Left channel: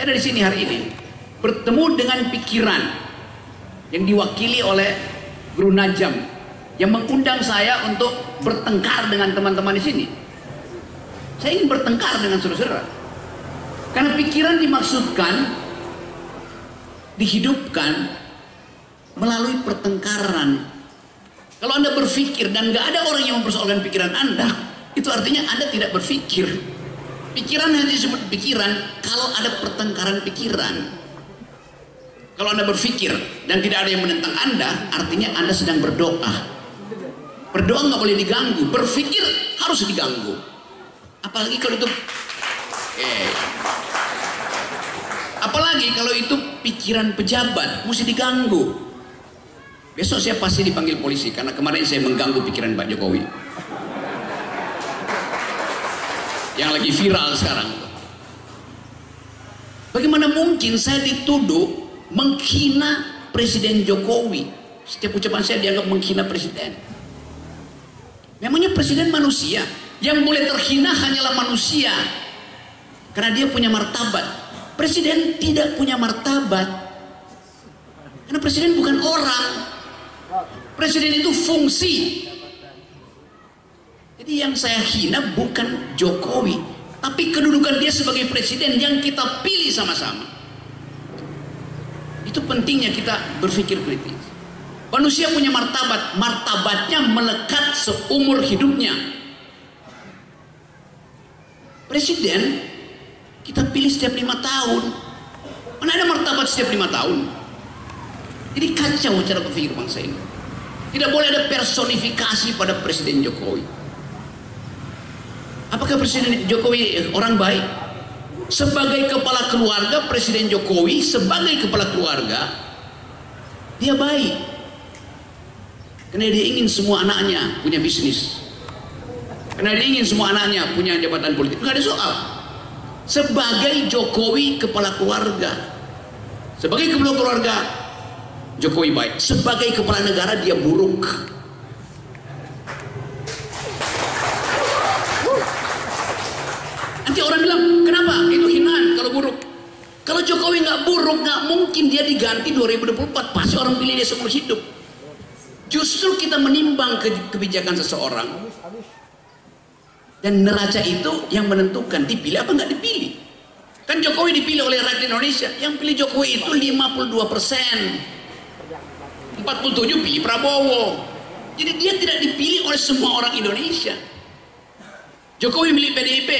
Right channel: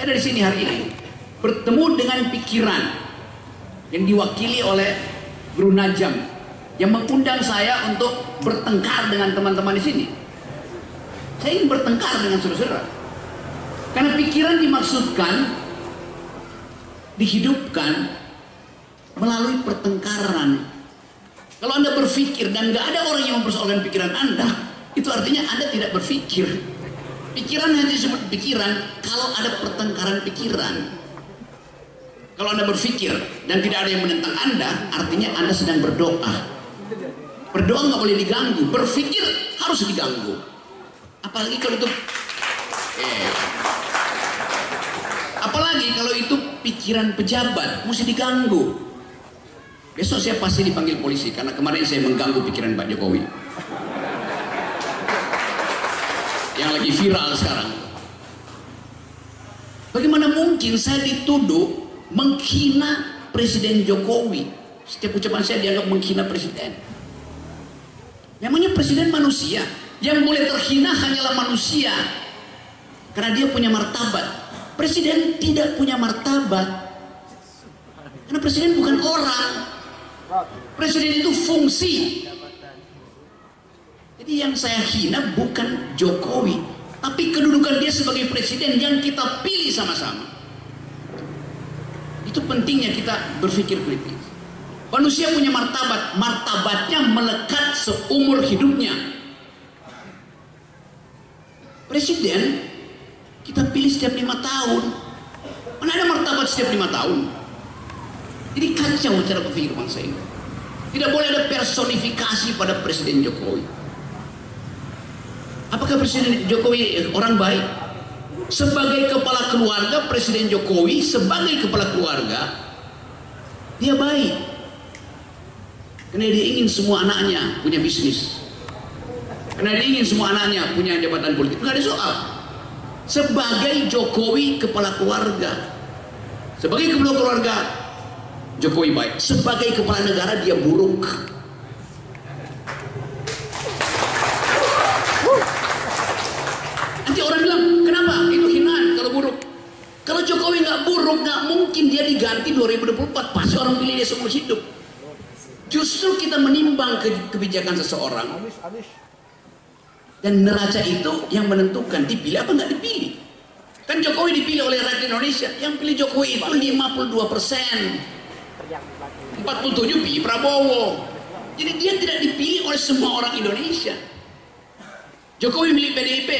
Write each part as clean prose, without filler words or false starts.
Saya dari sini hari ini bertemu dengan pikiran yang diwakili oleh Guru Najam yang mengundang saya untuk bertengkar dengan teman-teman di sini. Saya ingin bertengkar dengan saudara-saudara. Karena pikiran dimaksudkan dihidupkan melalui pertengkaran. Kalau Anda berpikir dan nggak ada orang yang mempersoalkan pikiran Anda, itu artinya Anda tidak berpikir. Pikiran hanya disebut pikiran kalau ada pertengkaran pikiran. Kalau Anda berpikir dan tidak ada yang menentang Anda, artinya Anda sedang berdoa. Berdoa nggak boleh diganggu, berpikir harus diganggu. Apalagi kalau itu, apalagi kalau itu pikiran pejabat, mesti diganggu. Besok saya pasti dipanggil polisi karena kemarin saya mengganggu pikiran Pak Jokowi. Yang lagi viral sekarang. Bagaimana mungkin saya dituduh menghina Presiden Jokowi? Setiap ucapan saya dianggap menghina presiden. Memangnya presiden manusia? Yang boleh terhina hanyalah manusia, karena dia punya martabat. Presiden tidak punya martabat, karena presiden bukan orang. Presiden itu fungsi. Jadi yang saya hina bukan Jokowi, tapi kedudukan dia sebagai presiden yang kita pilih sama-sama. Itu pentingnya kita berpikir kritis. Manusia punya martabat, martabatnya melekat seumur hidupnya. Presiden kita pilih setiap 5 tahun. Mana ada martabat setiap 5 tahun? Jadi kacau cara berpikir bangsa ini. Tidak boleh ada personifikasi pada Presiden Jokowi. Apakah Presiden Jokowi orang baik? Sebagai kepala keluarga, Presiden Jokowi sebagai kepala keluarga dia baik, karena dia ingin semua anaknya punya bisnis, karena dia ingin semua anaknya punya jabatan politik. Nggak ada soal. Sebagai Jokowi kepala keluarga, sebagai kepala keluarga Jokowi baik. Sebagai kepala negara dia buruk. Nanti orang bilang, kenapa? Itu hinaan kalau buruk. Kalau Jokowi nggak buruk, nggak mungkin dia diganti 2024. Pasti orang pilih dia seumur hidup. Justru kita menimbang kebijakan seseorang, dan neraca itu yang menentukan dipilih apa nggak dipilih. Kan Jokowi dipilih oleh rakyat Indonesia. Yang pilih Jokowi itu 52%. 47 pilih Prabowo. Jadi dia tidak dipilih oleh semua orang Indonesia. Jokowi milih PDIP.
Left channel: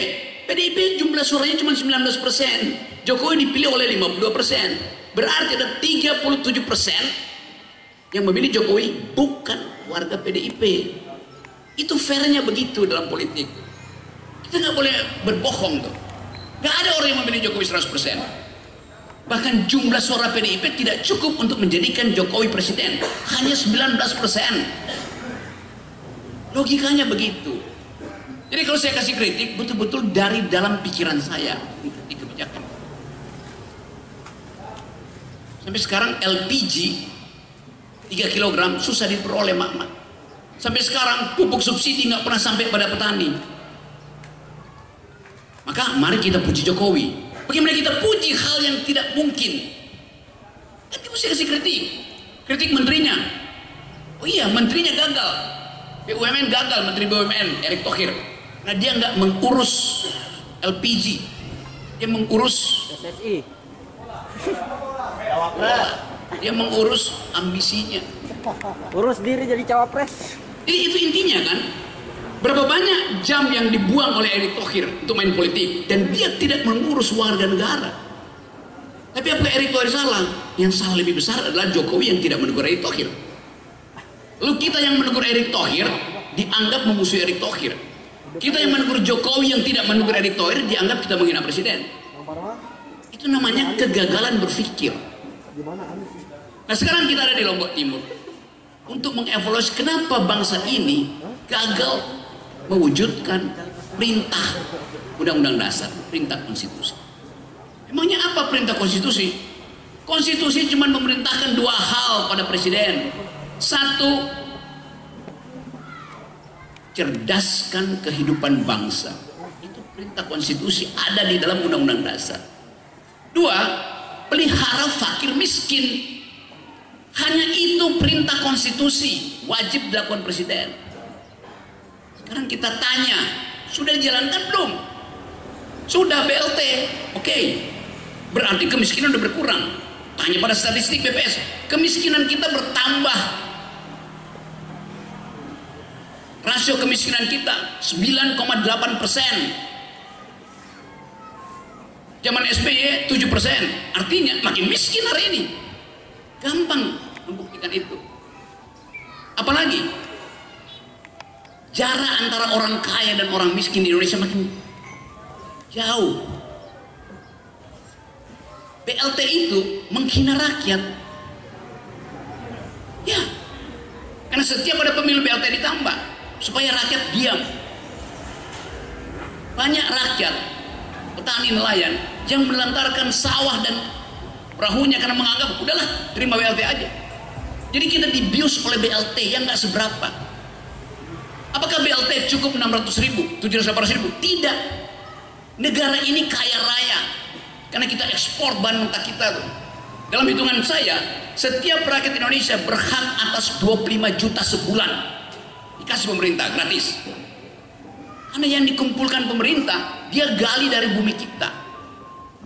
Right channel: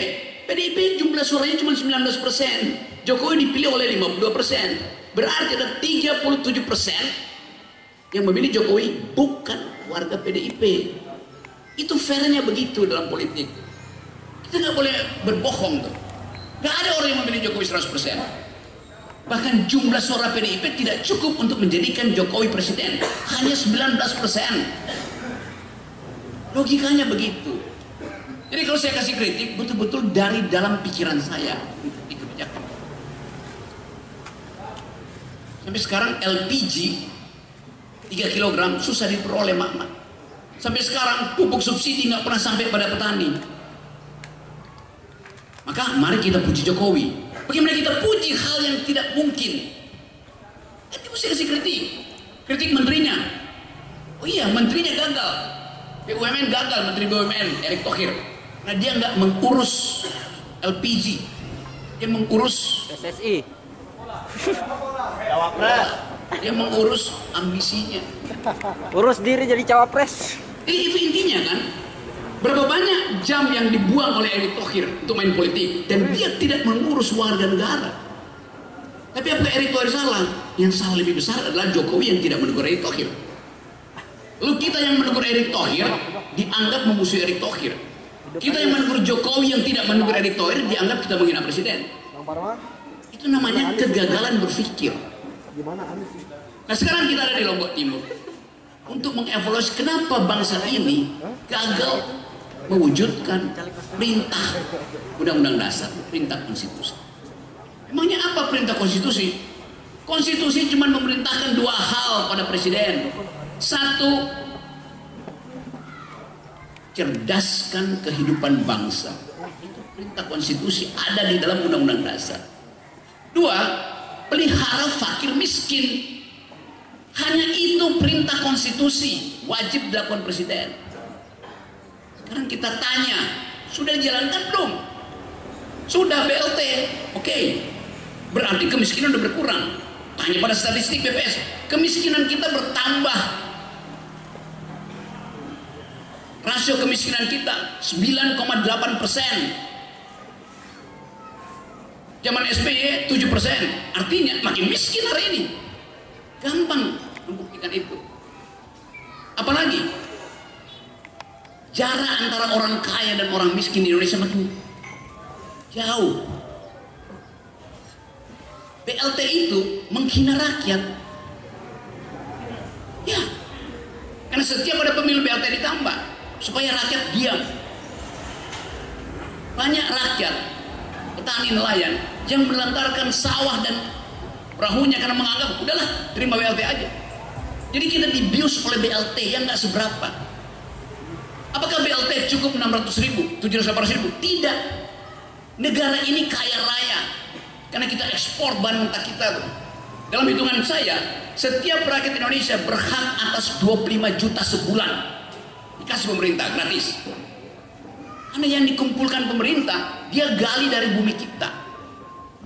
PDIP jumlah suaranya cuma 19%. Jokowi dipilih oleh 52%. Berarti ada 37% yang memilih Jokowi bukan warga PDIP. Itu fairnya begitu dalam politik. Kita nggak boleh berbohong tuh. Nggak ada orang yang memilih Jokowi 100%. Bahkan jumlah suara PDIP tidak cukup untuk menjadikan Jokowi presiden. Hanya 19%. Logikanya begitu. Jadi kalau saya kasih kritik, betul-betul dari dalam pikiran saya di kebijakan. Sampai sekarang LPG 3 kg susah diperoleh mak-mak. Sampai sekarang pupuk subsidi nggak pernah sampai pada petani. Maka mari kita puji Jokowi. Bagaimana kita puji hal yang tidak mungkin? Nanti mesti kasih kritik. Kritik menterinya. Oh iya, menterinya gagal. BUMN gagal, Menteri BUMN Erick Thohir. Nah dia nggak mengurus LPG, dia mengurus PSSI. Dia mengurus ambisinya. Urus diri jadi cawapres. Itu intinya kan. Berapa banyak jam yang dibuang oleh Erick Thohir untuk main politik, dan dia tidak mengurus warga negara. Tapi apakah Erick Thohir salah? Yang salah lebih besar adalah Jokowi yang tidak menegur Erick Thohir. Lalu kita yang menegur Erick Thohir dianggap memusuhi Erick Thohir. Kita yang menegur Jokowi yang tidak menegur Erick Thohir dianggap kita menghina presiden. Itu namanya kegagalan berpikir. Nah sekarang kita ada di Lombok Timur untuk mengevaluasi kenapa bangsa ini gagal mewujudkan perintah undang-undang dasar, perintah konstitusi. Emangnya apa perintah konstitusi? Konstitusi cuma memerintahkan 2 hal pada presiden. 1, cerdaskan kehidupan bangsa. Itu perintah konstitusi ada di dalam undang-undang dasar. Dua, pelihara fakir miskin. Hanya itu perintah konstitusi, wajib dilakukan presiden. Sekarang kita tanya, sudah dijalankan belum? Sudah BLT, oke. Berarti kemiskinan udah berkurang. Tanya pada statistik BPS, kemiskinan kita bertambah. Rasio kemiskinan kita 9,8%. Zaman SBY 7%. Artinya makin miskin hari ini. Gampang membuktikan itu. Apalagi jarak antara orang kaya dan orang miskin di Indonesia makin jauh. BLT itu menghina rakyat. Ya, karena setiap ada pemilu BLT ditambah supaya rakyat diam. Banyak rakyat, petani nelayan yang melantarkan sawah dan perahunya karena menganggap udahlah terima BLT aja. Jadi kita dibius oleh BLT yang nggak seberapa. Apakah BLT cukup 600.000, 700.000? Tidak. Negara ini kaya raya karena kita ekspor bahan mentah kita tuh. Dalam hitungan saya, setiap rakyat Indonesia berhak atas 25 juta sebulan dikasih pemerintah gratis. Karena yang dikumpulkan pemerintah, dia gali dari bumi kita.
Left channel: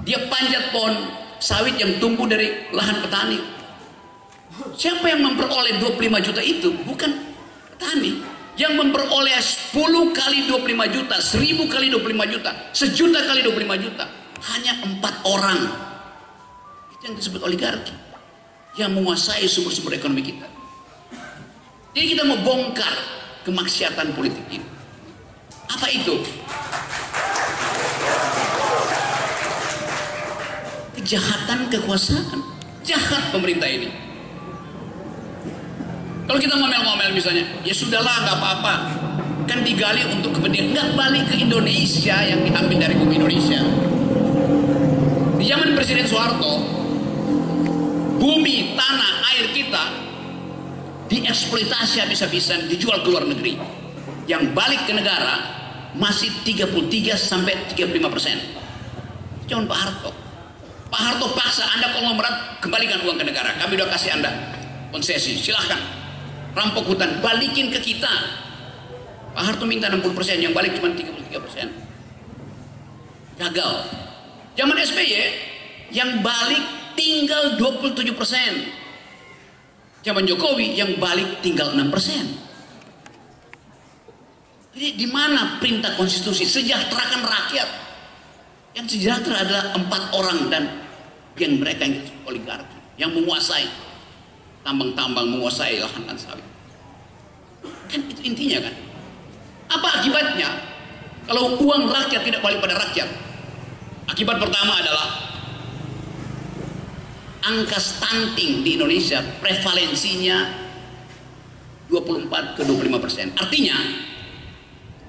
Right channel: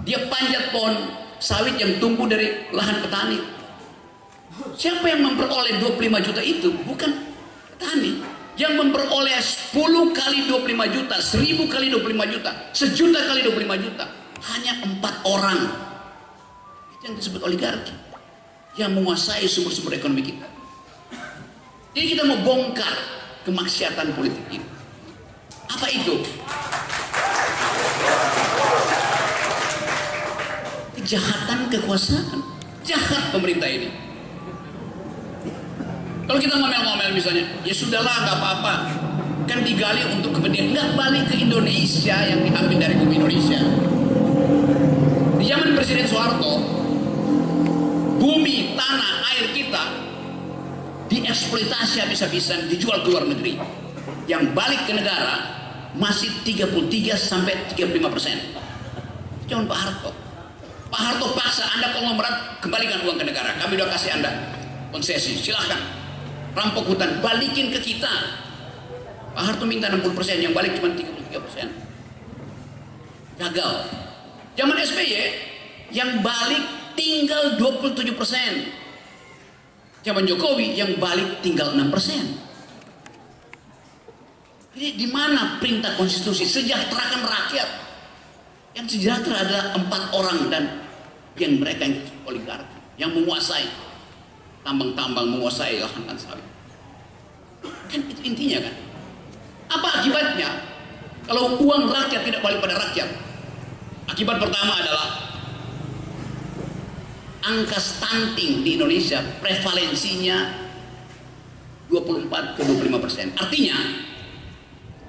Dia panjat pohon sawit yang tumbuh dari lahan petani. Siapa yang memperoleh 25 juta itu? Bukan petani. Yang memperoleh 10 kali 25 juta, 1000 kali 25 juta, 1.000.000 kali 25 juta, hanya 4 orang. Itu yang disebut oligarki, yang menguasai sumber-sumber ekonomi kita. Jadi kita mau bongkar kemaksiatan politik ini. Apa itu? Kejahatan kekuasaan. Jahat pemerintah ini. Kalau kita ngomel-ngomel misalnya, ya sudahlah nggak apa-apa, kan digali untuk kepentingan, nggak balik ke Indonesia yang diambil dari bumi Indonesia. Di zaman Presiden Soeharto, bumi, tanah, air kita dieksploitasi habis-habisan, dijual ke luar negeri. Yang balik ke negara masih 33 sampai 35%. Jangan Pak Harto. Pak Harto paksa, Anda konglomerat kembalikan uang ke negara, kami udah kasih Anda konsesi, silahkan rampok hutan, balikin ke kita. Pak Harto minta 60%, yang balik cuma 33%. Gagal. Zaman SBY yang balik tinggal 27%. Zaman Jokowi yang balik tinggal 6%. Jadi di mana perintah konstitusi sejahterakan rakyat? Yang sejahtera adalah 4 orang dan yang mereka yang oligarki, yang menguasai tambang-tambang, menguasai lahan dan sawit. Kan itu intinya kan. Apa akibatnya kalau uang rakyat tidak balik pada rakyat? Akibat pertama adalah angka stunting di Indonesia prevalensinya 24 ke 25%. Artinya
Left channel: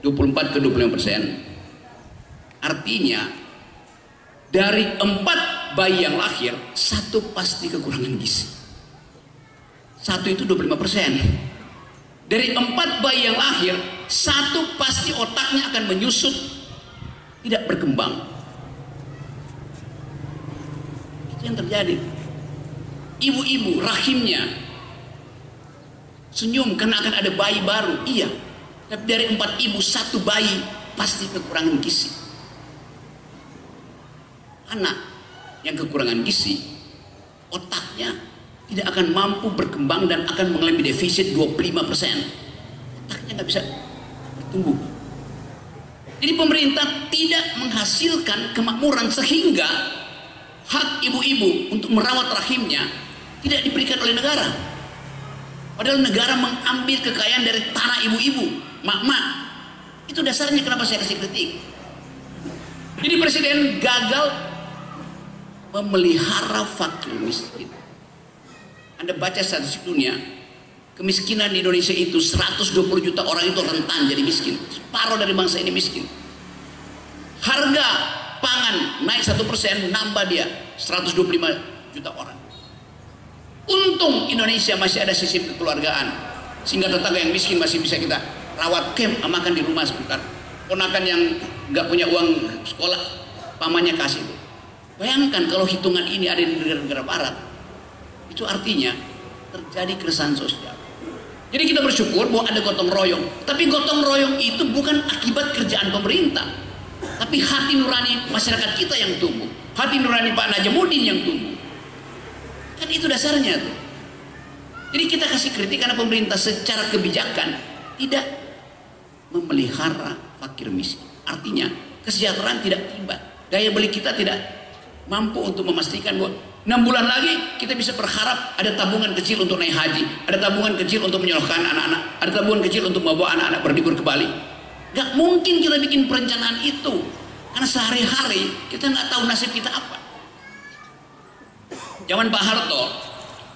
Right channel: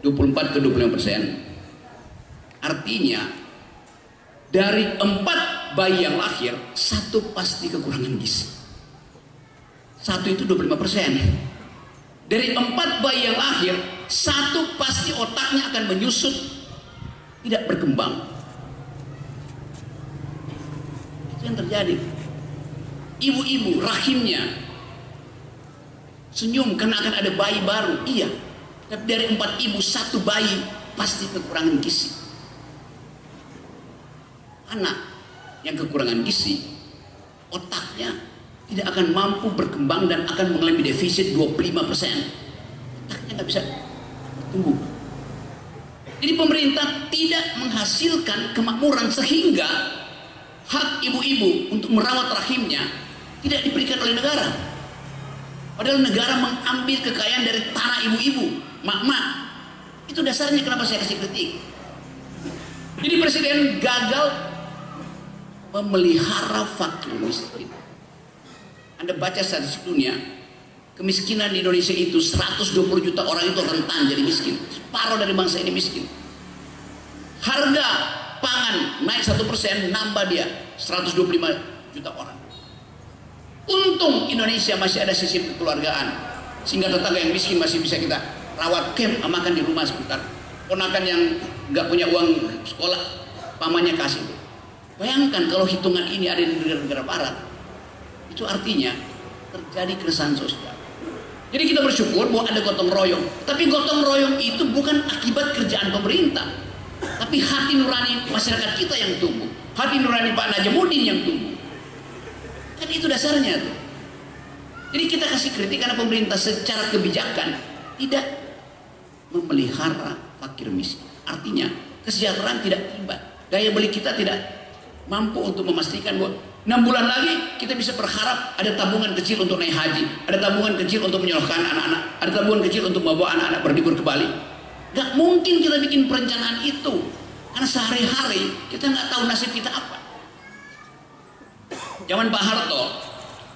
24 ke 25%. Artinya dari 4 bayi yang lahir, 1 pasti kekurangan gizi. 1 itu 25%. Dari 4 bayi yang lahir, 1 pasti otaknya akan menyusut, tidak berkembang. Itu yang terjadi. Ibu-ibu rahimnya senyum karena akan ada bayi baru, iya. Tapi dari 4 ibu, 1 bayi pasti kekurangan gizi. Anak yang kekurangan gizi, otaknya tidak akan mampu berkembang dan akan mengalami defisit 25%. Otaknya nggak bisa tumbuh. Jadi pemerintah tidak menghasilkan kemakmuran sehingga hak ibu-ibu untuk merawat rahimnya tidak diberikan oleh negara. Padahal negara mengambil kekayaan dari tanah ibu-ibu, mak-mak. Itu dasarnya kenapa saya kasih kritik. Jadi presiden gagal memelihara fakir miskin. Anda baca statistik dunia, kemiskinan di Indonesia itu 120 juta orang itu rentan jadi miskin. Separuh dari bangsa ini miskin. Harga pangan naik 1%, nambah dia 125 juta orang. Untung Indonesia masih ada sistem kekeluargaan, sehingga tetangga yang miskin masih bisa kita rawat, makan di rumah sebentar. Ponakan yang nggak punya uang sekolah, pamannya kasih. Bayangkan kalau hitungan ini ada di negara-negara barat, itu artinya terjadi keresahan sosial. Jadi kita bersyukur bahwa ada gotong royong. Tapi gotong royong itu bukan akibat kerjaan pemerintah, tapi hati nurani masyarakat kita yang tumbuh, hati nurani Pak Najamuddin yang tumbuh. Kan itu dasarnya tuh. Jadi kita kasih kritik karena pemerintah secara kebijakan tidak memelihara fakir miskin. Artinya kesejahteraan tidak tiba, daya beli kita tidak mampu untuk memastikan bahwa 6 bulan lagi kita bisa berharap ada tabungan kecil untuk naik haji, ada tabungan kecil untuk menyekolahkan anak-anak, ada tabungan kecil untuk membawa anak-anak berlibur ke Bali. Gak mungkin kita bikin perencanaan itu, karena sehari-hari kita nggak tahu nasib kita apa. Zaman Pak Harto,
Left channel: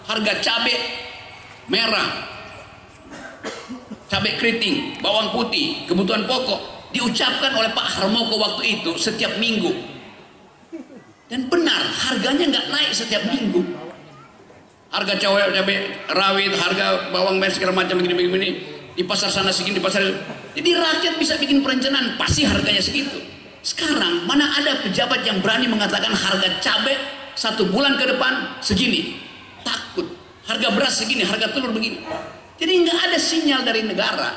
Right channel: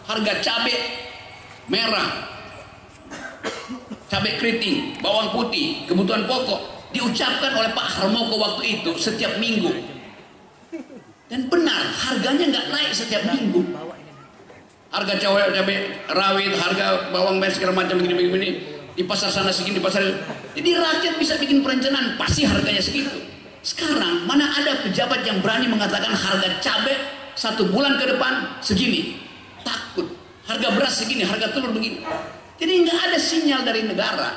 harga cabai merah, cabai keriting, bawang putih, kebutuhan pokok diucapkan oleh Pak Harmoko waktu itu setiap minggu. Dan benar, harganya nggak naik setiap minggu. Harga cabai rawit, harga bawang merah segala macam begini-begini, di pasar sana segini, di pasar. Jadi rakyat bisa bikin perencanaan, pasti harganya segitu. Sekarang mana ada pejabat yang berani mengatakan harga cabai 1 bulan ke depan segini? Takut. Harga beras segini, harga telur begini. Jadi nggak ada sinyal dari negara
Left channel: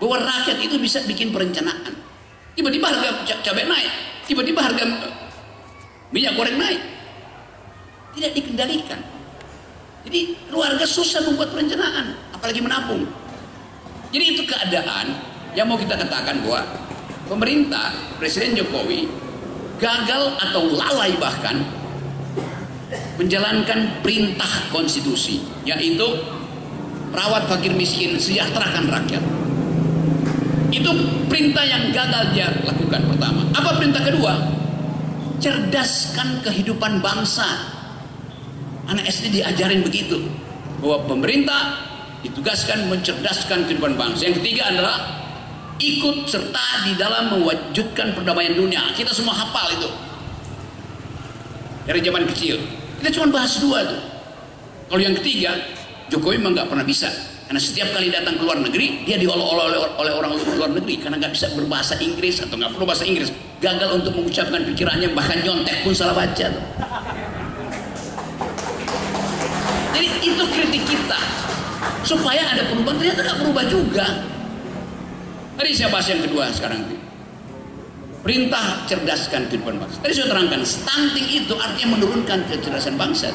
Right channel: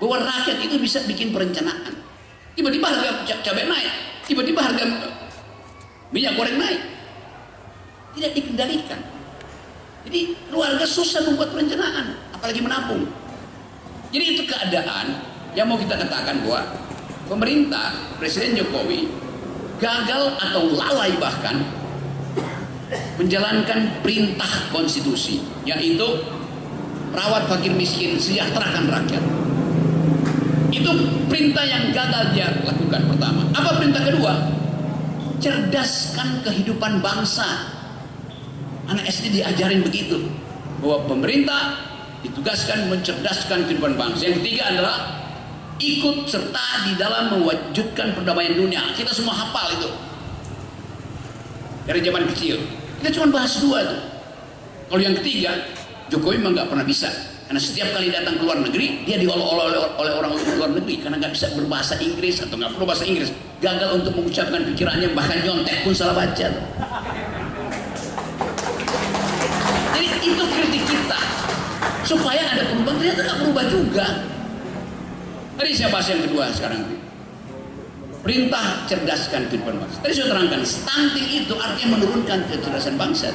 bahwa rakyat itu bisa bikin perencanaan. Tiba-tiba harga cabai naik, tiba-tiba harga minyak goreng naik, tidak dikendalikan. Jadi keluarga susah membuat perencanaan, apalagi menabung. Jadi itu keadaan yang mau kita katakan bahwa pemerintah, Presiden Jokowi gagal atau lalai bahkan menjalankan perintah konstitusi, yaitu rawat fakir miskin, sejahterakan rakyat. Itu perintah yang gagal dia lakukan pertama. Apa perintah kedua? Cerdaskan kehidupan bangsa. Anak SD diajarin begitu, bahwa pemerintah ditugaskan mencerdaskan kehidupan bangsa. Yang ketiga adalah ikut serta di dalam mewujudkan perdamaian dunia. Kita semua hafal itu dari zaman kecil. Kita cuma bahas 2 tuh. Kalau yang ketiga, Jokowi memang nggak pernah bisa, karena setiap kali datang ke luar negeri dia diolok-olok oleh orang luar negeri karena nggak bisa berbahasa Inggris atau nggak perlu bahasa Inggris. Gagal untuk mengucapkan pikirannya, bahkan nyontek pun salah baca. Jadi itu kritik kita supaya ada perubahan. Ternyata nggak berubah juga. Tadi saya bahas yang kedua sekarang. Perintah cerdaskan kehidupan bangsa. Tadi saya terangkan, stunting itu artinya menurunkan kecerdasan bangsa.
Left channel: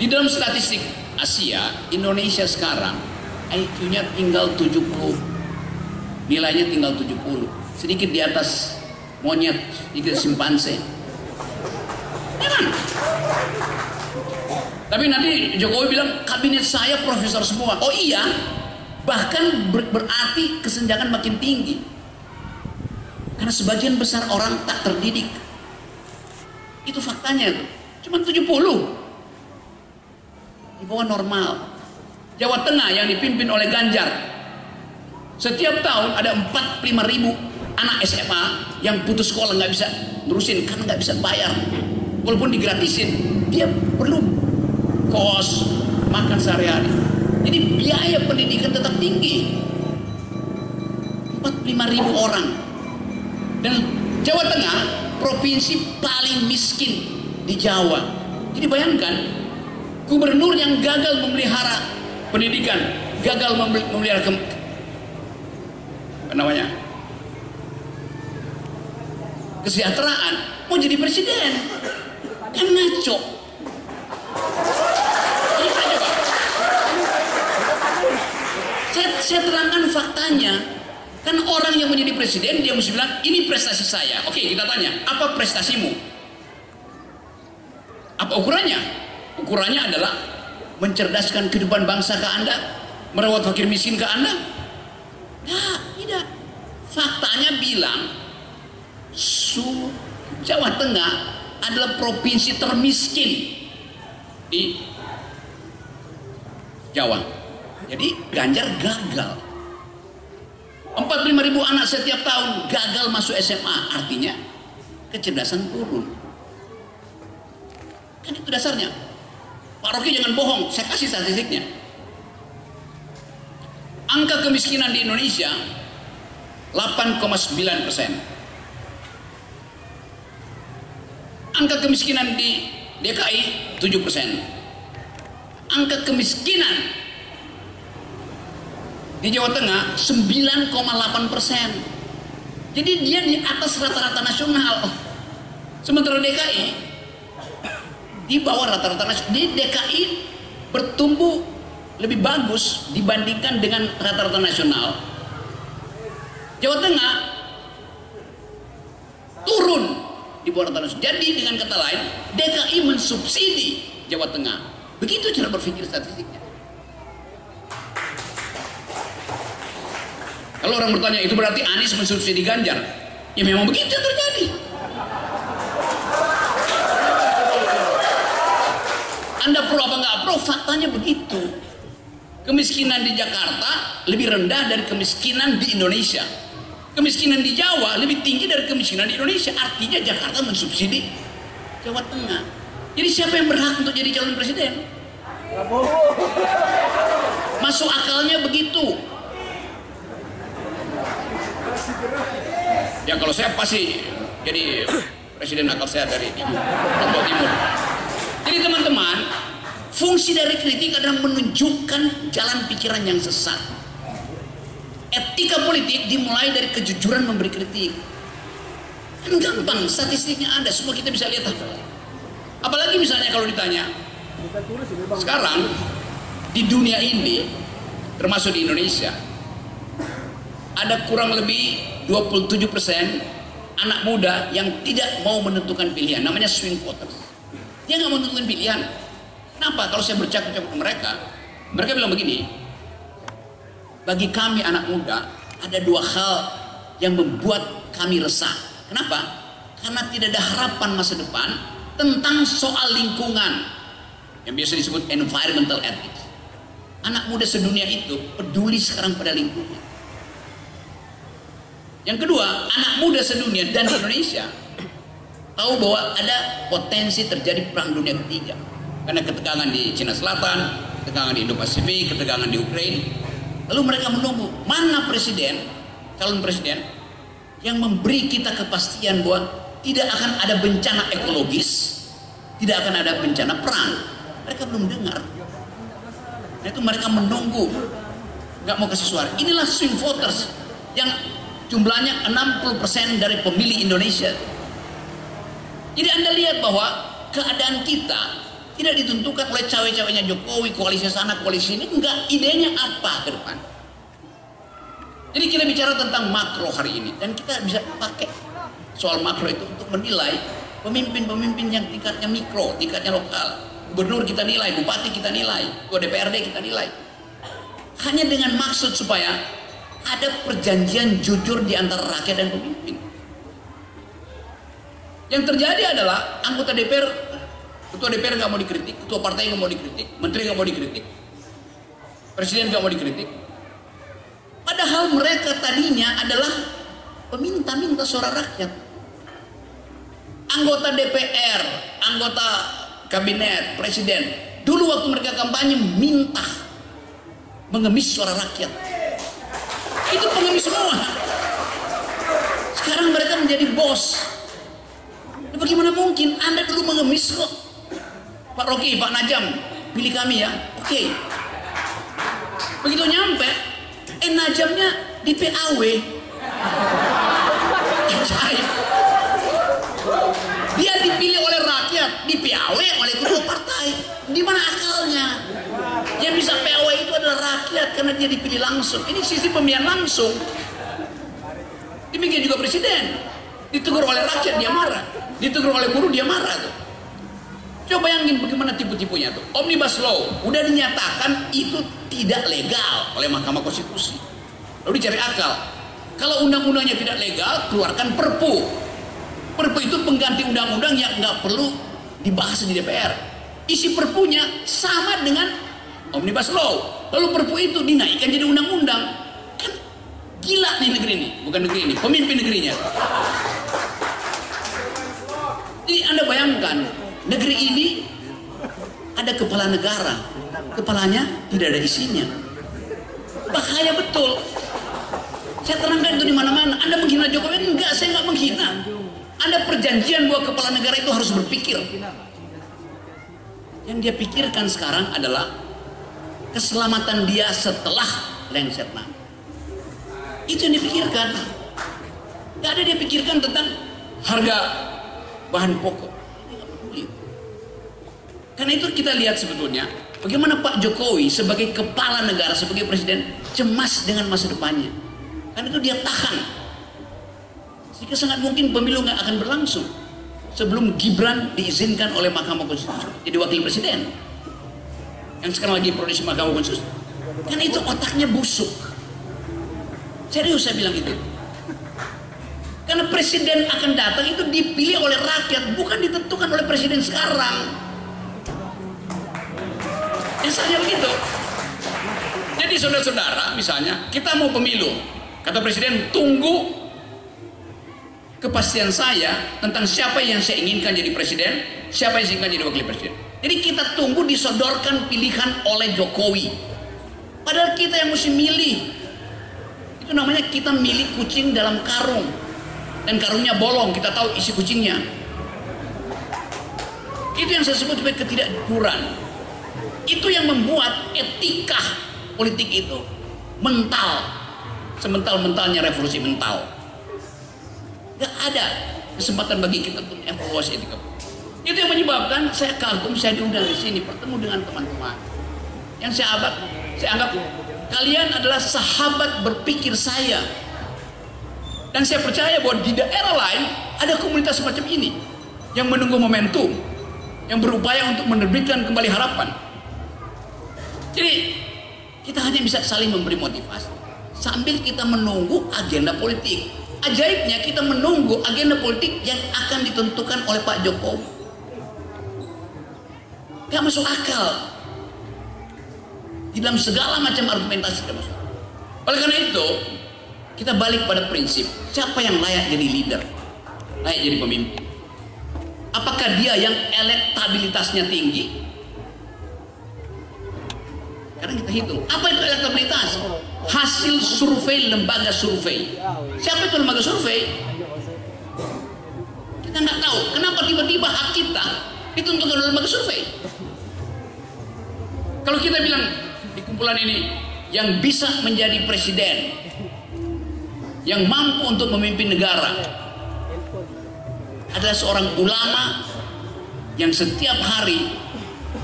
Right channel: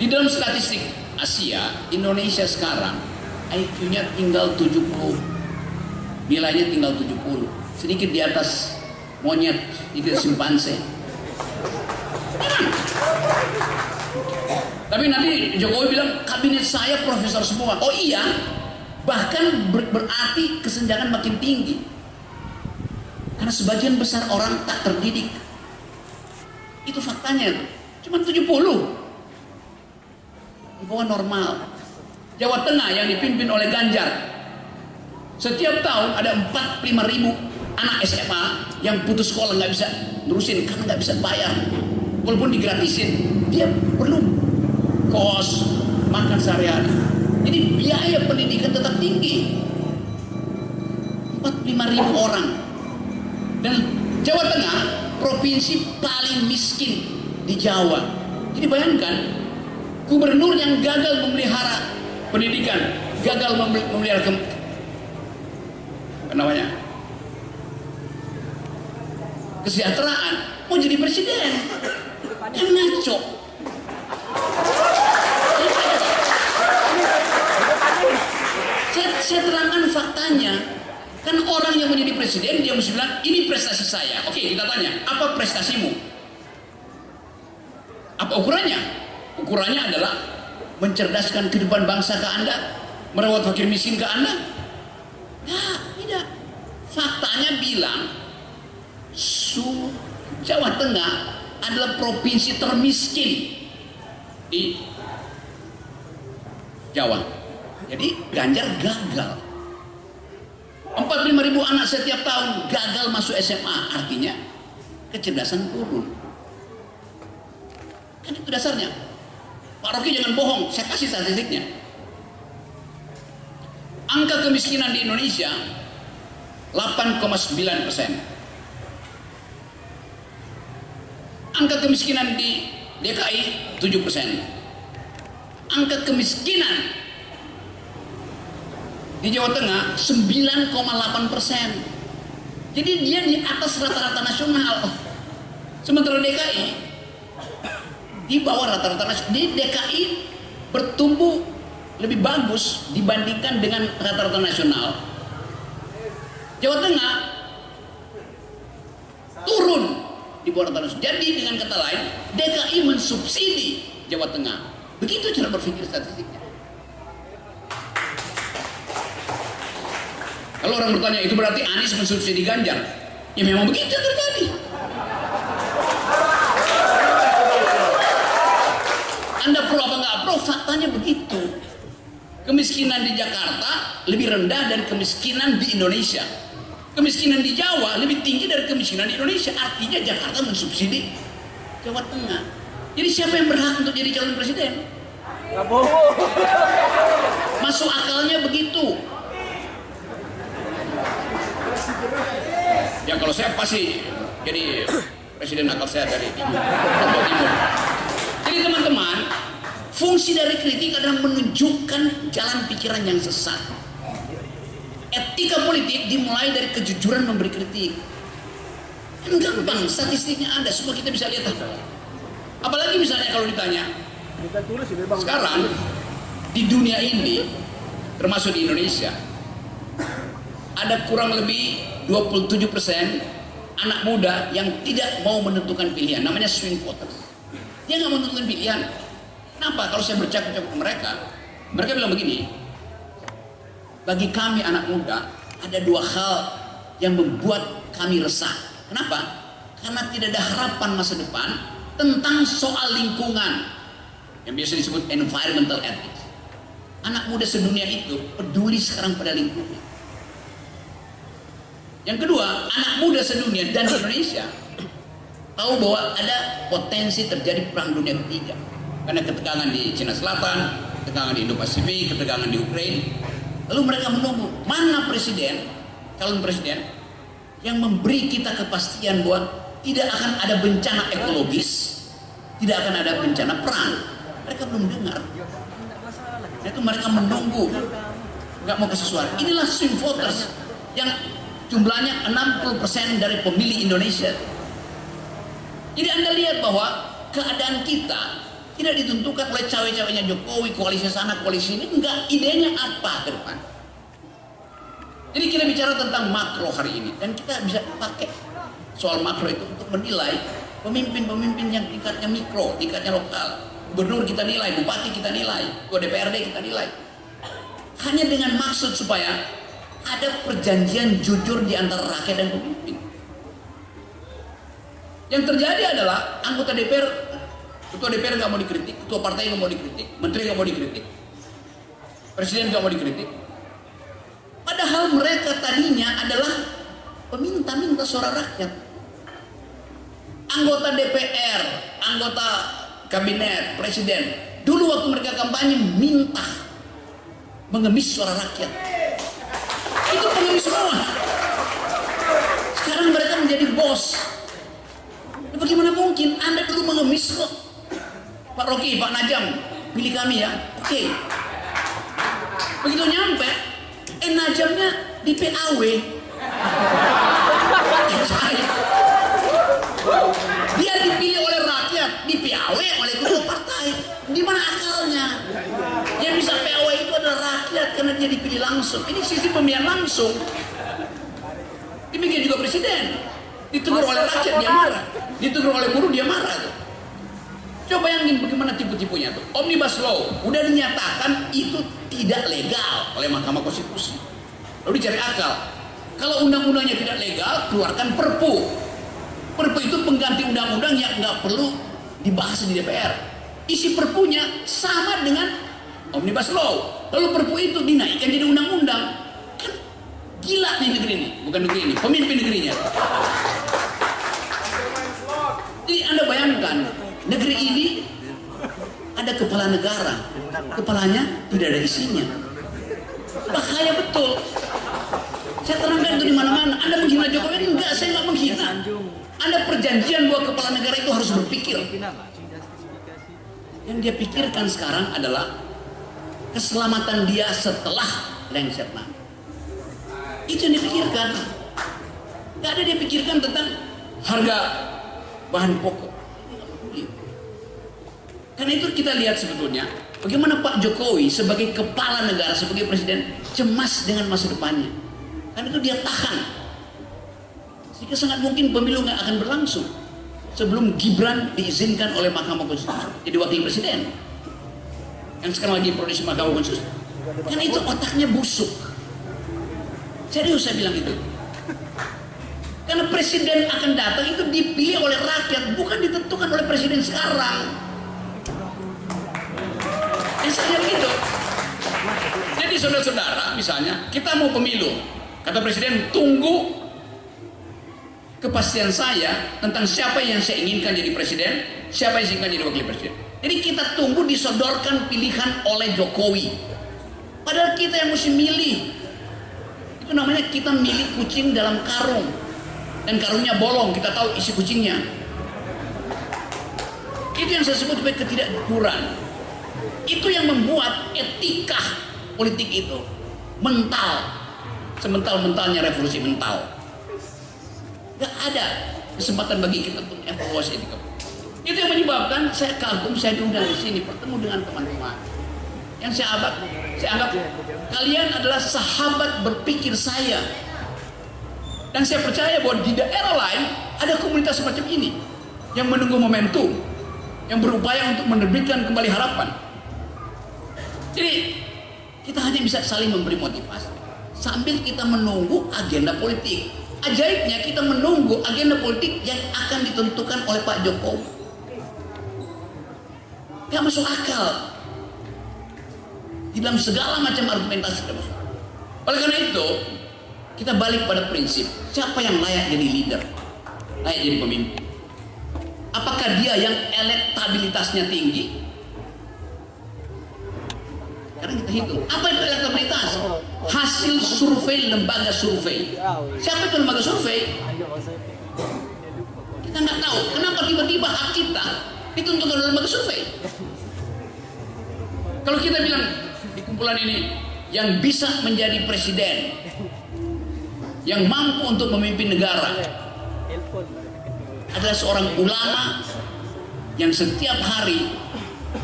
Di dalam statistik Asia, Indonesia sekarang IQ-nya tinggal 70, nilainya tinggal 70, sedikit di atas monyet, sedikit simpanse. Memang. Tapi nanti Jokowi bilang kabinet saya profesor semua. Oh iya, bahkan berarti kesenjangan makin tinggi. Karena sebagian besar orang tak terdidik. Itu faktanya tuh. Cuma 70. Di bawah normal. Jawa Tengah yang dipimpin oleh Ganjar, setiap tahun ada 45.000 anak SMA yang putus sekolah, nggak bisa nerusin karena nggak bisa bayar. Walaupun digratisin, dia perlu kos, makan sehari-hari. Jadi biaya pendidikan tetap tinggi. 45.000 orang. Dan Jawa Tengah provinsi paling miskin di Jawa. Jadi bayangkan, gubernur yang gagal memelihara pendidikan, gagal memelihara kesejahteraan, mau jadi presiden, kan ngaco. Saya terangkan faktanya. Kan orang yang menjadi presiden dia mesti bilang ini prestasi saya. Oke, kita tanya, apa prestasimu? Apa ukurannya? Ukurannya adalah mencerdaskan kehidupan bangsa ke Anda, merawat fakir miskin ke Anda? Nah, tidak. Faktanya bilang Jawa Tengah adalah provinsi termiskin di Jawa. Jadi Ganjar gagal. 45.000 anak setiap tahun gagal masuk SMA, artinya kecerdasan turun. Kan itu dasarnya. Pak Rocky jangan bohong, saya kasih statistiknya. Angka kemiskinan di Indonesia 8,9%. Angka kemiskinan di DKI 7%. Angka kemiskinan di Jawa Tengah 9,8%. Jadi dia di atas rata-rata nasional. Sementara DKI di bawah rata-rata nasional. Di DKI bertumbuh lebih bagus dibandingkan dengan rata-rata nasional. Jawa Tengah turun di bawah rata-rata nasional. Jadi dengan kata lain, DKI mensubsidi Jawa Tengah. Begitu cara berpikir statistiknya. Kalau orang bertanya, itu berarti Anies mensubsidi Ganjar? Ya memang begitu yang terjadi. Anda pro apa nggak pro, faktanya begitu. Kemiskinan di Jakarta lebih rendah dari kemiskinan di Indonesia. Kemiskinan di Jawa lebih tinggi dari kemiskinan di Indonesia. Artinya Jakarta mensubsidi Jawa Tengah. Jadi siapa yang berhak untuk jadi calon presiden? Masuk akalnya begitu. Ya kalau saya pasti jadi presiden akal sehat dari Lombok Timur. Jadi teman-teman, fungsi dari kritik adalah menunjukkan jalan pikiran yang sesat. Etika politik dimulai dari kejujuran memberi kritik. Kan gampang, statistiknya ada, semua kita bisa lihat. Apalagi misalnya kalau ditanya, sekarang di dunia ini, termasuk di Indonesia, ada kurang lebih 27% anak muda yang tidak mau menentukan pilihan, namanya swing voters. Dia nggak mau menentukan pilihan. Kenapa? Kalau saya bercakap-cakap ke mereka, mereka bilang begini, bagi kami anak muda ada dua hal yang membuat kami resah. Kenapa? Karena tidak ada harapan masa depan tentang soal lingkungan yang biasa disebut environmental ethics. Anak muda sedunia itu peduli sekarang pada lingkungan. Yang kedua, anak muda sedunia dan di Indonesia tahu bahwa ada potensi terjadi perang dunia ketiga karena ketegangan di Cina Selatan, ketegangan di Indo-Pasifik, ketegangan di Ukraina. Lalu mereka menunggu mana presiden, calon presiden yang memberi kita kepastian bahwa tidak akan ada bencana ekologis, tidak akan ada bencana perang. Mereka belum dengar. Nah, itu mereka menunggu, nggak mau kasih suara. Inilah swing voters yang jumlahnya 60% dari pemilih Indonesia. Jadi Anda lihat bahwa keadaan kita tidak ditentukan oleh cawe-cawenya Jokowi, koalisi sana, koalisi ini. Enggak, idenya apa ke depan. Jadi kita bicara tentang makro hari ini. Dan kita bisa pakai soal makro itu untuk menilai pemimpin-pemimpin yang tingkatnya mikro, tingkatnya lokal. Gubernur kita nilai, bupati kita nilai, ketua DPRD kita nilai. Hanya dengan maksud supaya ada perjanjian jujur di antara rakyat dan pemimpin. Yang terjadi adalah anggota DPR, ketua DPR nggak mau dikritik, ketua partai nggak mau dikritik, menteri nggak mau dikritik, presiden nggak mau dikritik. Padahal mereka tadinya adalah peminta-minta suara rakyat. Anggota DPR, anggota kabinet, presiden, dulu waktu mereka kampanye minta mengemis suara rakyat. Itu pengemis semua. Sekarang mereka menjadi bos. Nah, bagaimana mungkin Anda dulu mengemis kok? Pak Rocky, Pak Najam, pilih kami ya. Oke. Begitu nyampe, Najamnya di PAW. Dia dipilih oleh rakyat, di PAW oleh ketua partai. Di mana akalnya? Yang bisa PAW itu adalah rakyat karena dia dipilih langsung. Ini sistem pemilihan langsung. Demikian juga presiden. Ditegur oleh rakyat dia marah, ditegur oleh buruh dia marah tuh. Coba bayangin bagaimana tipu-tipunya tuh. Omnibus Law udah dinyatakan itu tidak legal oleh Mahkamah Konstitusi. Lalu dicari akal. Kalau undang-undangnya tidak legal, keluarkan Perpu. Perpu itu pengganti undang-undang yang nggak perlu dibahas di DPR. Isi Perpunya sama dengan Omnibus Law. Lalu Perpu itu dinaikkan jadi undang-undang. Kan gila nih negeri ini, bukan negeri ini, pemimpin negerinya. Jadi Anda bayangkan, negeri ini ada kepala negara, kepalanya tidak ada isinya. Bahaya betul. Saya terangkan itu di mana-mana. Anda menghina Jokowi? Enggak, saya nggak menghina. Ada perjanjian bahwa kepala negara itu harus berpikir. Yang dia pikirkan sekarang adalah keselamatan dia setelah lengser nanti. Itu yang dipikirkan. Gak ada dia pikirkan tentang harga bahan pokok. Karena itu kita lihat sebetulnya bagaimana Pak Jokowi sebagai kepala negara, sebagai presiden cemas dengan masa depannya. Karena itu dia tahan. Sehingga sangat mungkin pemilu nggak akan berlangsung sebelum Gibran diizinkan oleh Mahkamah Konstitusi jadi wakil presiden. Yang sekarang lagi proses Mahkamah Konstitusi. Karena itu otaknya busuk. Serius saya bilang itu. Karena presiden akan datang itu dipilih oleh rakyat, bukan ditentukan oleh presiden sekarang. Misalnya begitu. Jadi saudara-saudara, misalnya kita mau pemilu, kata presiden tunggu kepastian saya tentang siapa yang saya inginkan jadi presiden, siapa yang saya inginkan jadi wakil presiden. Jadi kita tunggu disodorkan pilihan oleh Jokowi. Padahal kita yang mesti milih. Itu namanya kita milih kucing dalam karung. Dan karungnya bolong, kita tahu isi kucingnya. Itu yang saya sebut sebagai ketidakjujuran. Itu yang membuat etika politik itu mental. Semental-mentalnya revolusi mental. Gak ada kesempatan bagi kita untuk evaluasi etika. Itu yang menyebabkan saya kagum, saya diundang di sini bertemu dengan teman-teman. Yang saya anggap kalian adalah sahabat berpikir saya. Dan saya percaya bahwa di daerah lain ada komunitas semacam ini yang menunggu momentum, yang berupaya untuk menerbitkan kembali harapan. Jadi kita hanya bisa saling memberi motivasi sambil kita menunggu agenda politik. Ajaibnya kita menunggu agenda politik yang akan ditentukan oleh Pak Jokowi. Gak masuk akal. Di dalam segala macam argumentasi tidak masuk akal. Oleh karena itu, kita balik pada prinsip, siapa yang layak jadi leader? Layak jadi pemimpin? Apakah dia yang elektabilitasnya tinggi? Sekarang kita hitung, apa itu elektabilitas? Hasil survei lembaga survei. Siapa itu lembaga survei? Kita nggak tahu. Kenapa tiba-tiba hak kita ditentukan oleh lembaga survei? Kalau kita bilang di kumpulan ini yang bisa menjadi presiden, yang mampu untuk memimpin negara adalah seorang ulama yang setiap hari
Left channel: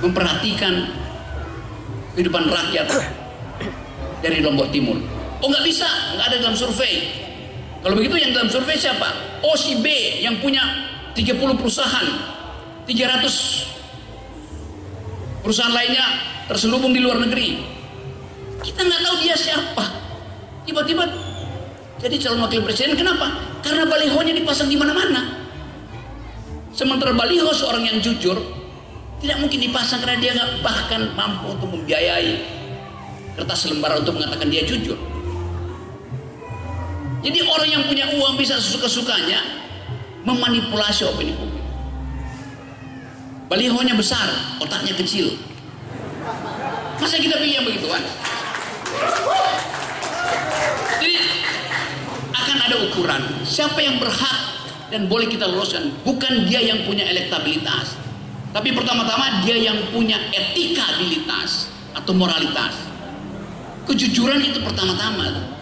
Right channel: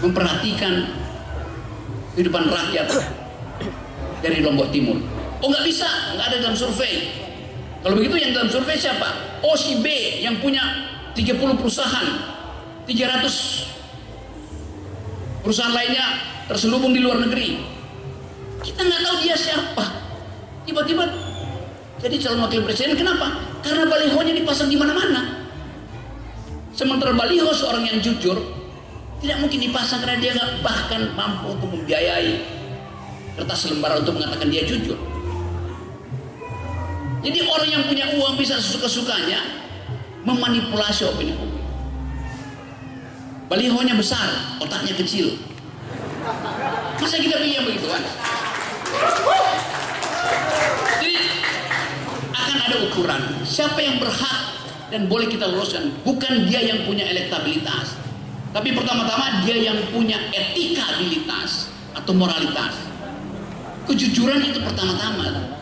memperhatikan kehidupan rakyat dari Lombok Timur. Oh nggak bisa, nggak ada dalam survei. Kalau begitu yang dalam survei siapa? Oh si B yang punya 30 perusahaan, 300 perusahaan lainnya terselubung di luar negeri. Kita nggak tahu dia siapa. Tiba-tiba jadi calon wakil presiden. Kenapa? Karena balihonya dipasang di mana-mana. Sementara baliho seorang yang jujur tidak mungkin dipasang karena dia nggak bahkan mampu untuk membiayai kertas lembaran untuk mengatakan dia jujur. Jadi orang yang punya uang bisa sesuka-sukanya memanipulasi opini publik. Balihonya besar, otaknya kecil. Masa kita pikir begitu kan? Jadi akan ada ukuran siapa yang berhak dan boleh kita loloskan. Bukan dia yang punya elektabilitas, tapi pertama-tama dia yang punya etikabilitas atau moralitas. Kejujuran itu pertama-tama.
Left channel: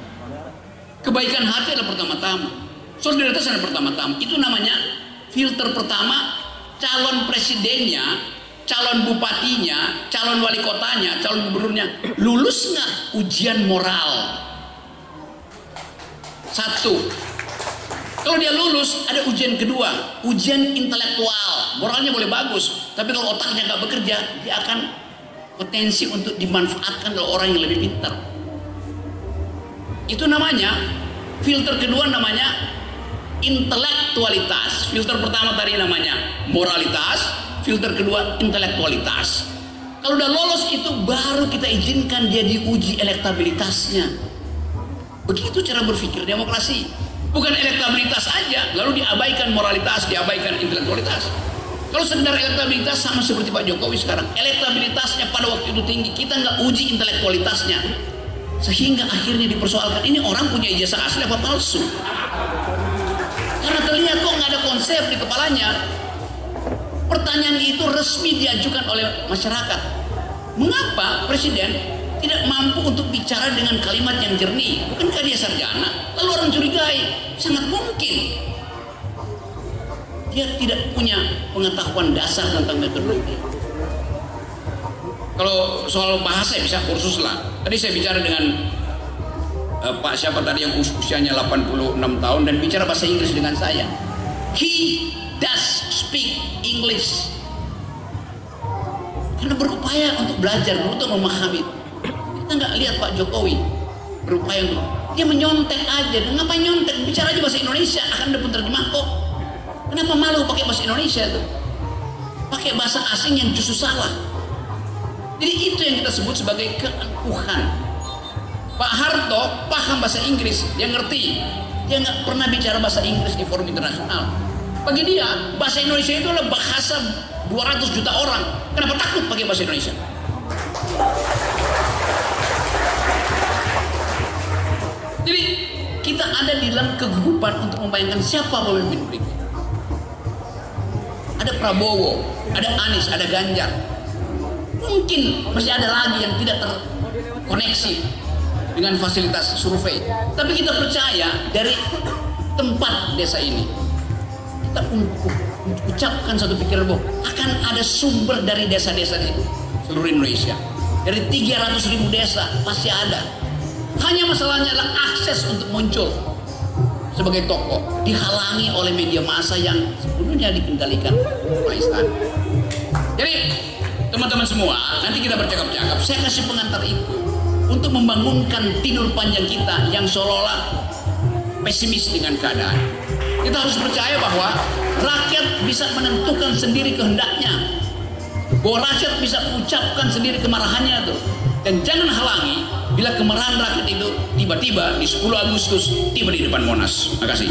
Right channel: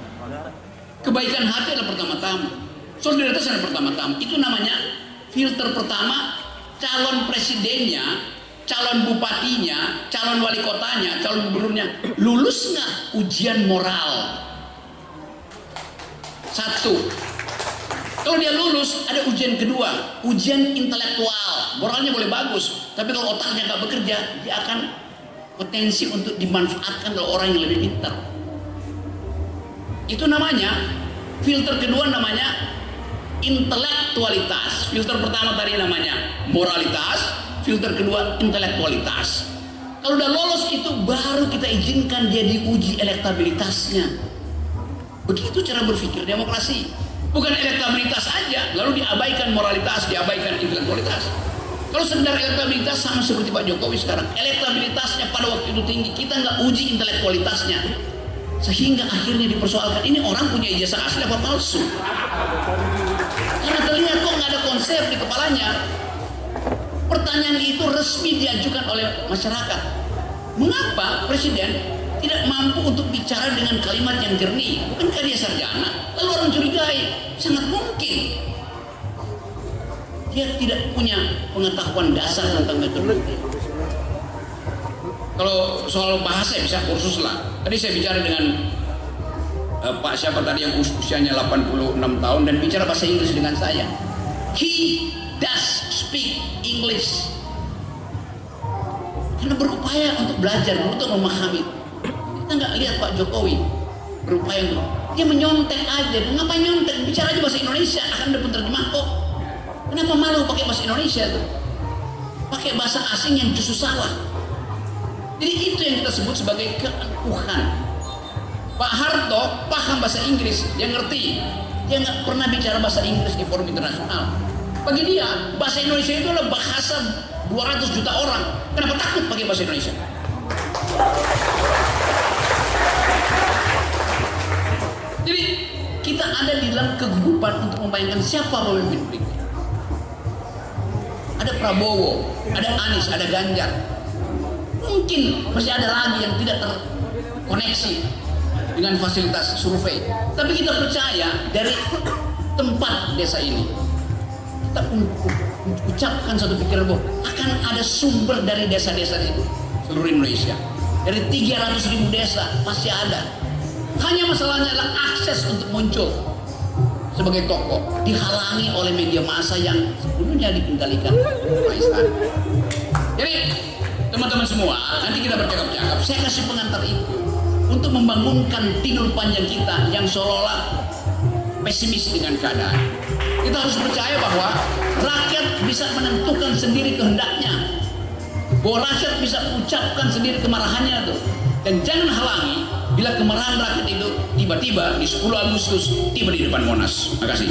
Kebaikan hati adalah pertama-tama. Solidaritas adalah pertama-tama. Itu namanya filter pertama. Calon presidennya, calon bupatinya, calon wali kotanya, calon gubernurnya lulus nggak ujian moral? Satu. Kalau dia lulus, ada ujian kedua, ujian intelektual. Moralnya boleh bagus, tapi kalau otaknya nggak bekerja, dia akan potensi untuk dimanfaatkan oleh orang yang lebih pintar. Itu namanya filter kedua, namanya intelektualitas. Filter pertama tadi namanya moralitas, filter kedua intelektualitas. Kalau udah lolos itu baru kita izinkan dia diuji elektabilitasnya. Begitu cara berpikir demokrasi. Bukan elektabilitas aja lalu diabaikan moralitas, diabaikan intelektualitas. Kalau sekedar elektabilitas sama seperti Pak Jokowi sekarang, elektabilitasnya pada waktu itu tinggi, kita nggak uji intelektualitasnya, sehingga akhirnya dipersoalkan ini orang punya ijazah asli apa palsu. Karena terlihat kok nggak ada konsep di kepalanya. Pertanyaan itu resmi diajukan oleh masyarakat. Mengapa Presiden tidak mampu untuk bicara dengan kalimat yang jernih? Bukankah dia sarjana? Lalu orang curigai, sangat mungkin dia tidak punya pengetahuan dasar tentang metodologi. Kalau soal bahasa bisa kursus lah. Tadi saya bicara dengan Pak siapa tadi yang usianya 86 tahun dan bicara bahasa Inggris dengan saya. He does speak English. Karena berupaya untuk belajar, untuk memahami. Kita nggak lihat Pak Jokowi berupaya untuk, dia menyontek aja. Ngapain nyontek? Bicara aja bahasa Indonesia, akan ada penerjemah kok. Kenapa malu pakai bahasa Indonesia tuh? Pakai bahasa asing yang justru salah. Jadi itu yang kita sebut sebagai keangkuhan. Pak Harto paham bahasa Inggris, dia ngerti. Dia nggak pernah bicara bahasa Inggris di forum internasional. Bagi dia, bahasa Indonesia itu adalah bahasa 200 juta orang. Kenapa takut pakai bahasa Indonesia? Jadi kita ada di dalam kegugupan untuk membayangkan siapa pemimpin berikutnya. Ada Prabowo, ada Anies, ada Ganjar. Mungkin masih ada lagi yang tidak terkoneksi dengan fasilitas survei. Tapi kita percaya dari tempat desa ini, kita ucapkan satu pikiran bahwa akan ada sumber dari desa-desa di seluruh Indonesia. Dari 300.000 desa pasti ada. Hanya masalahnya adalah akses untuk muncul sebagai tokoh dihalangi oleh media massa yang sebelumnya dikendalikan oleh istana. Jadi teman-teman semua, nanti kita bercakap-cakap. Saya kasih pengantar itu untuk membangunkan tidur panjang kita yang seolah-olah pesimis dengan keadaan. Kita harus percaya bahwa rakyat bisa menentukan sendiri kehendaknya, bahwa rakyat bisa ucapkan sendiri kemarahannya tuh. Dan jangan halangi bila kemarahan rakyat itu tiba-tiba di 10 Agustus tiba di depan Monas. Terima kasih.